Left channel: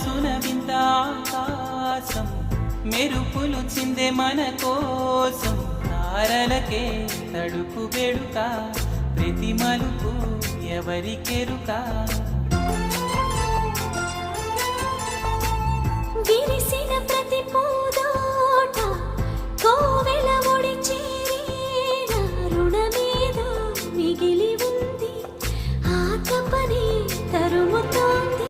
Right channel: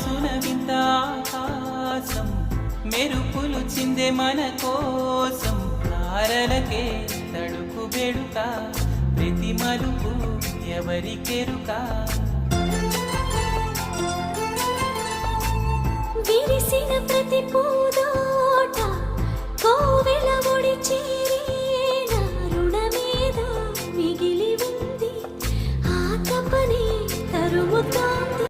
మనసున వింత ఆకాశం మెరుపులు చిందే మన కోసం తారలకే తడుకు బెడుక ప్రతి మలుపు ఎవరికెరుక విరిసిన ప్రతి పూ